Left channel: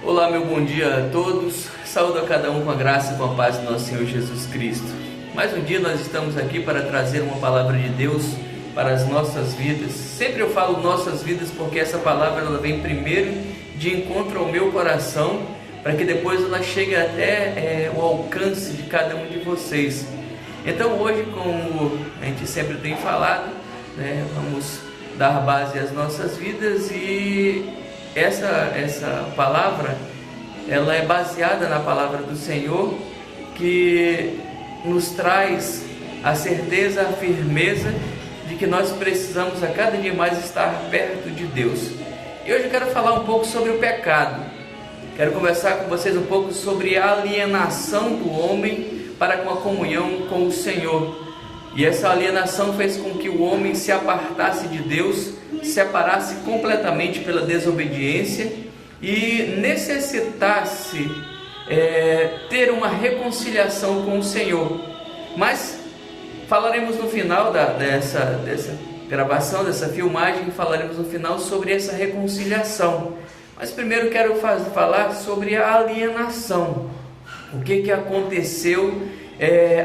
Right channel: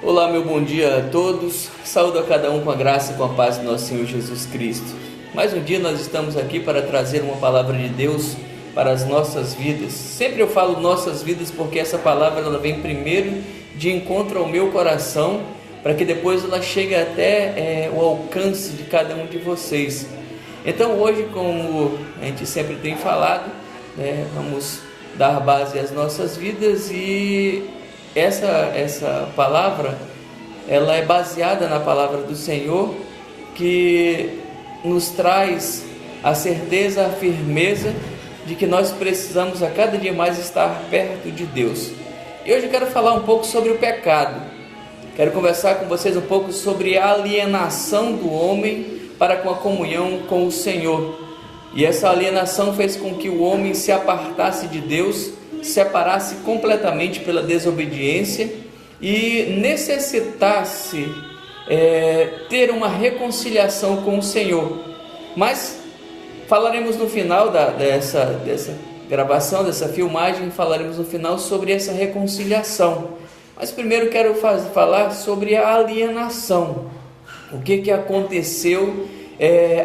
Olá, meu bom dia a todos. Saúdo a cada um com a graça e com a paz do nosso Senhor Jesus Cristo. Mais um dia nós estamos aqui para trazer uma palavra de Deus para as nossas vidas. Sempre eu falo nossas vidas porque essa palavra ela vem primeiro de encontro ao meu coração, para que depois ela chegue até o alcance de cada um de vocês. Então hoje, como a gente sempre tem falado, vamos dar base às nossas vidas e essa palavra, ela é baseada na palavra do Senhor, que nos traz a certeza, a firmeza de que nós precisamos a cada dia mais estar perto de Deus. E hoje eu quero falar um pouco sobre o pecado. Quero conversar com vocês um pouco sobre a alienação do homem para com a comunhão com o Senhor. E essa alienação fez com que o homem se apartasse de Deus, separasse completamente pela desobediência e necessitasse ter uma reconciliação com o Senhor. Mas falaremos no final dessa gravação, dessa filmagem, falaremos no final sobre essa reconciliação. Mas primeiro quero falar sobre a alienação. O que aconteceu,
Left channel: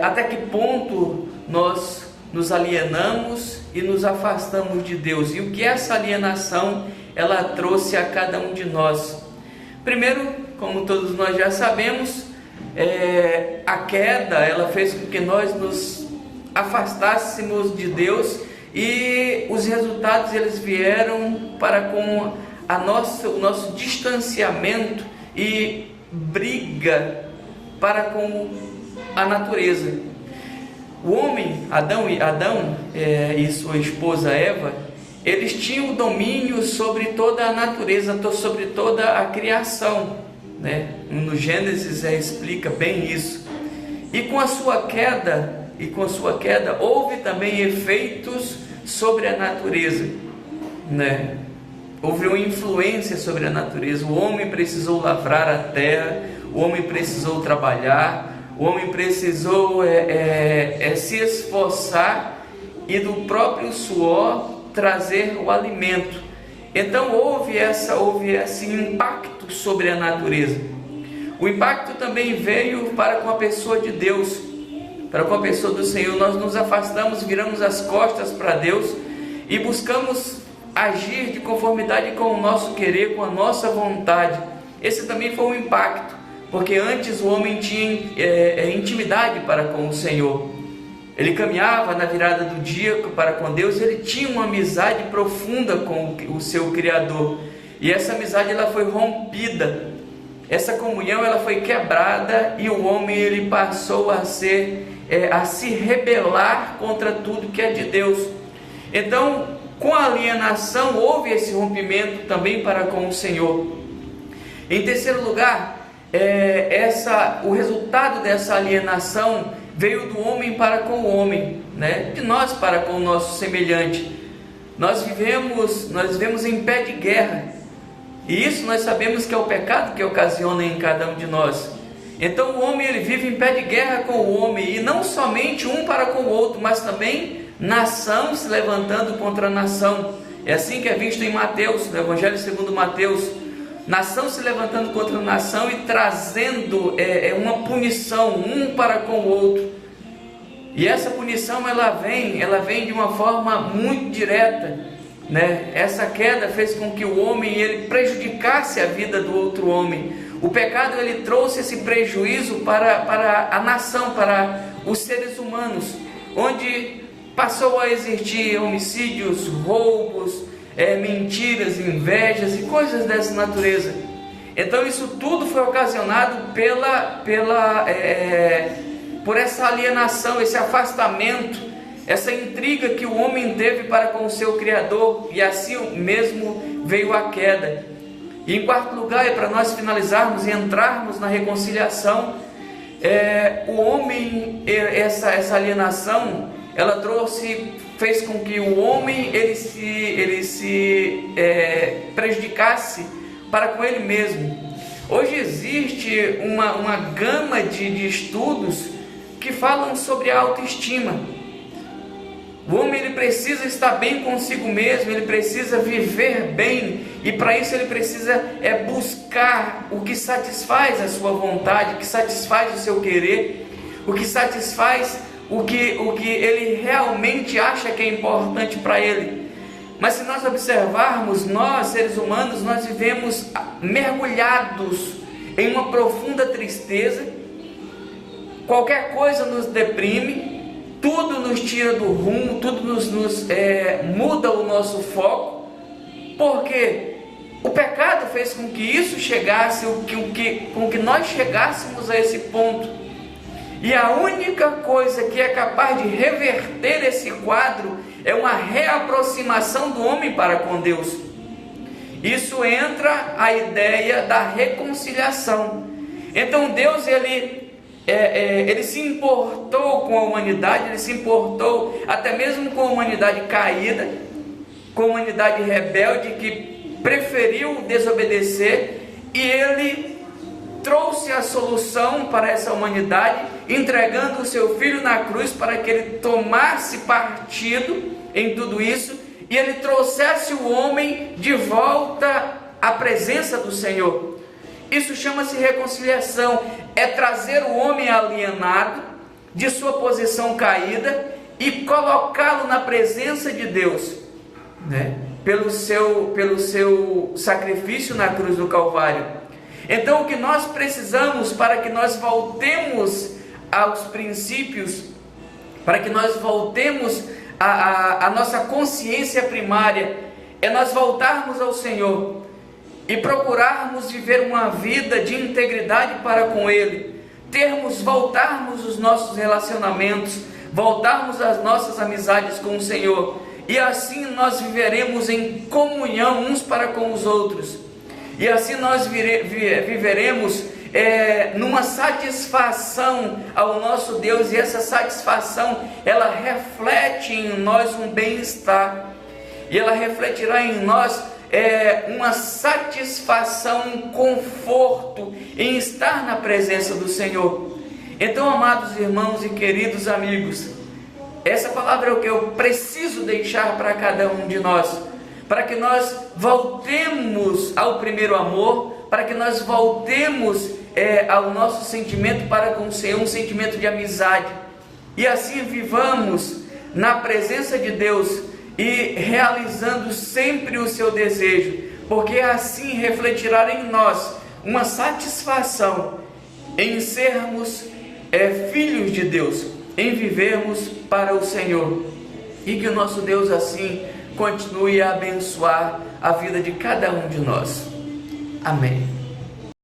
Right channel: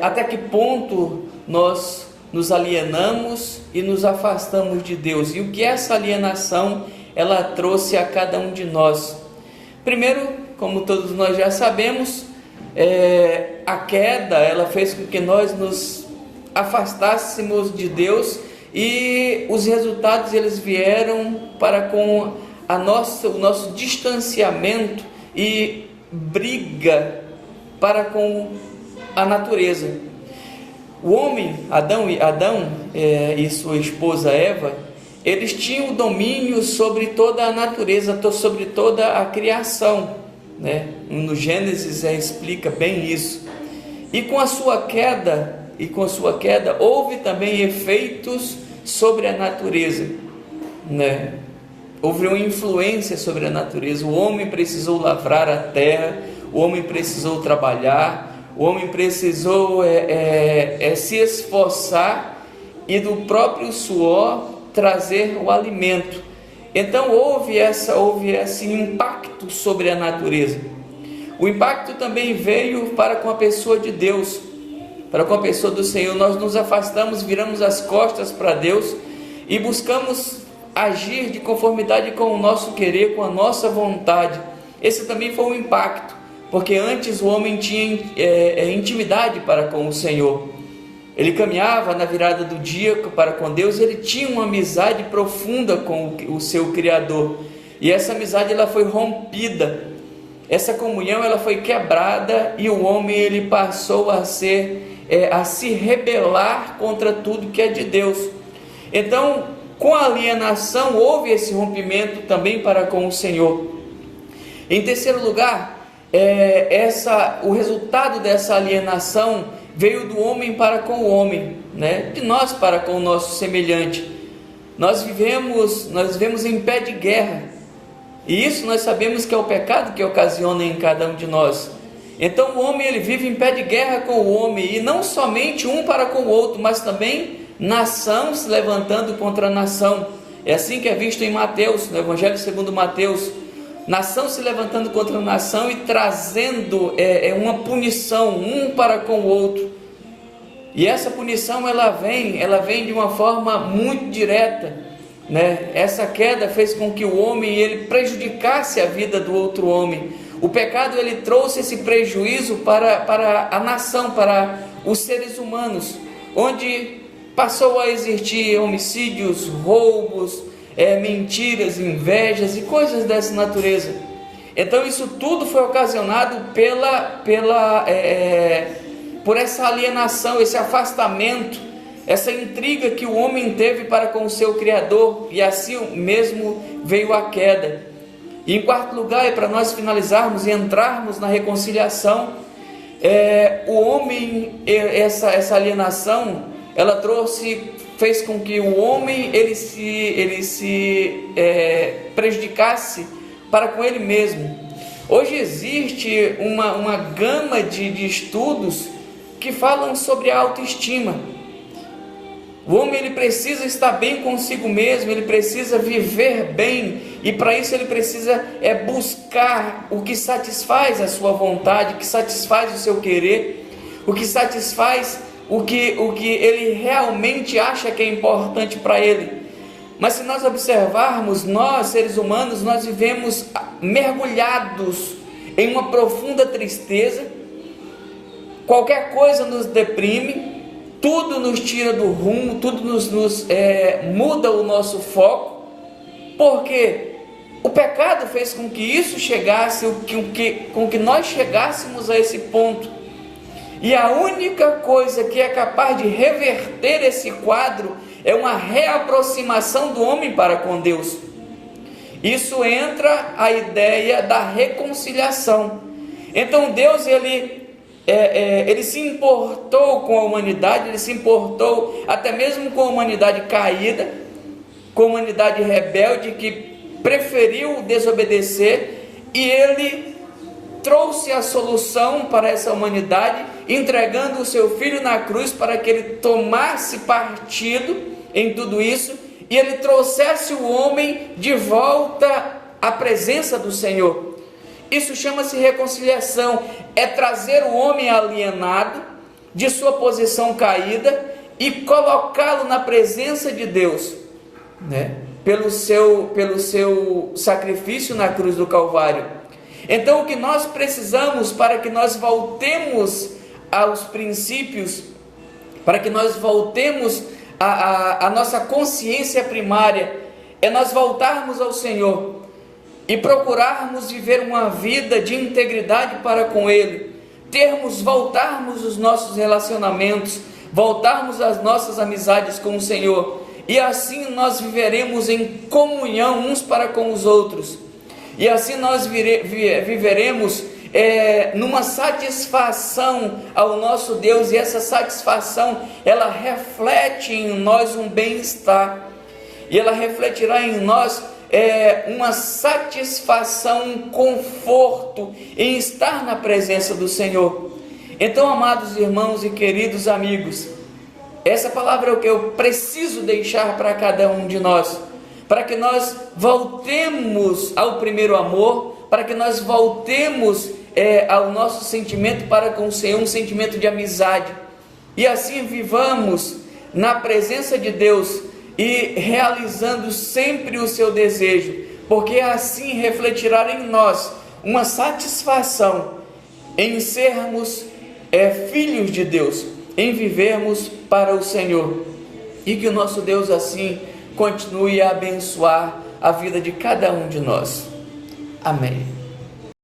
até que ponto nós nos alienamos e nos afastamos de Deus, e o que essa alienação ela trouxe a cada um de nós. Primeiro, como todos nós já sabemos, a queda ela fez com que nós nos afastássemos de Deus, e os resultados eles vieram para com o nosso distanciamento e briga para com a natureza. O homem, Adão e sua esposa Eva, eles tinham o domínio sobre toda a natureza, sobre toda a criação, No Gênesis explica bem isso. E com a sua queda, houve também efeitos sobre a natureza, Houve uma influência sobre a natureza. O homem precisou lavrar a terra, o homem precisou trabalhar, o homem precisou se esforçar e do próprio suor trazer o alimento. Então houve esse impacto sobre a natureza. O impacto também veio para com a pessoa de Deus, para com a pessoa do Senhor. Nós nos afastamos, viramos as costas para Deus e buscamos agir de conformidade com o nosso querer, com a nossa vontade. Esse também foi um impacto, porque antes o homem tinha intimidade para com o Senhor. Ele caminhava na virada do dia para com Deus, ele tinha uma amizade profunda com o seu Criador. E essa amizade ela foi rompida, essa comunhão ela foi quebrada, e o homem ele passou a se rebelar contra tudo que é de Deus. Então, com a alienação houve esse rompimento também para com o Senhor. Em terceiro lugar, o resultado dessa alienação veio do homem para com o homem, de nós para com o nosso semelhante. Nós vivemos em pé de guerra, e isso nós sabemos que é o pecado que ocasiona em cada um de nós. Então o homem ele vive em pé de guerra com o homem, e não somente um para com o outro, mas também nação se levantando contra nação. É assim que é visto em Mateus, no Evangelho segundo Mateus. Nação se levantando contra nação e trazendo uma punição um para com o outro. E essa punição ela vem de uma forma muito direta, Essa queda fez com que o homem ele prejudicasse a vida do outro homem. O pecado ele trouxe esse prejuízo para a nação, para os seres humanos, onde passou a existir homicídios, roubos, mentiras, invejas e coisas dessa natureza. Então isso tudo foi ocasionado por essa alienação, esse afastamento, essa intriga que o homem teve para com o seu Criador, e assim mesmo veio a queda. E em quarto lugar, para nós finalizarmos e entrarmos na reconciliação, o homem, essa alienação, ela fez com que o homem ele se prejudicasse para com ele mesmo. Hoje existe uma gama de estudos que falam sobre a autoestima. O homem ele precisa estar bem consigo mesmo, ele precisa viver bem E para isso ele precisa buscar o que satisfaz a sua vontade, o que satisfaz o seu querer, o que satisfaz o que ele realmente acha que é importante para ele. Mas se nós observarmos, nós seres humanos, nós vivemos mergulhados em uma profunda tristeza. Qualquer coisa nos deprime, tudo nos tira do rumo, tudo nos muda o nosso foco, porque o pecado fez com que isso chegasse, com que nós chegássemos a esse ponto. E a única coisa que é capaz de reverter esse quadro é uma reaproximação do homem para com Deus. Isso entra a ideia da reconciliação. Então Deus, ele se importou com a humanidade, ele se importou até mesmo com a humanidade caída, com a humanidade rebelde que preferiu desobedecer, e ele trouxe a solução para essa humanidade, entregando o seu Filho na cruz para que ele tomasse partido em tudo isso, e ele trouxesse o homem de volta à presença do Senhor. Isso chama-se reconciliação, é trazer o homem alienado de sua posição caída e colocá-lo na presença de Deus, né? Pelo seu sacrifício na cruz do Calvário. Então o que nós precisamos para que nós voltemos aos princípios, para que nós voltemos a nossa consciência primária, é nós voltarmos ao Senhor e procurarmos viver uma vida de integridade para com Ele, voltarmos os nossos relacionamentos, voltarmos as nossas amizades com o Senhor, e assim nós viveremos em comunhão uns para com os outros, e assim nós viveremos numa satisfação ao nosso Deus, e essa satisfação, ela reflete em nós um bem-estar, e ela refletirá em nós uma satisfação, um conforto em estar na presença do Senhor. Então, amados irmãos e queridos amigos, essa palavra é o que eu preciso deixar para cada um de nós, para que nós voltemos ao primeiro amor, para que nós voltemos ao nosso sentimento para com o Senhor, um sentimento de amizade, e assim vivamos na presença de Deus e realizando sempre o seu desejo, porque assim refletirá em nós uma satisfação em sermos filhos de Deus, em vivermos para o Senhor, e que o nosso Deus assim continue a abençoar a vida de cada um de nós. Amém.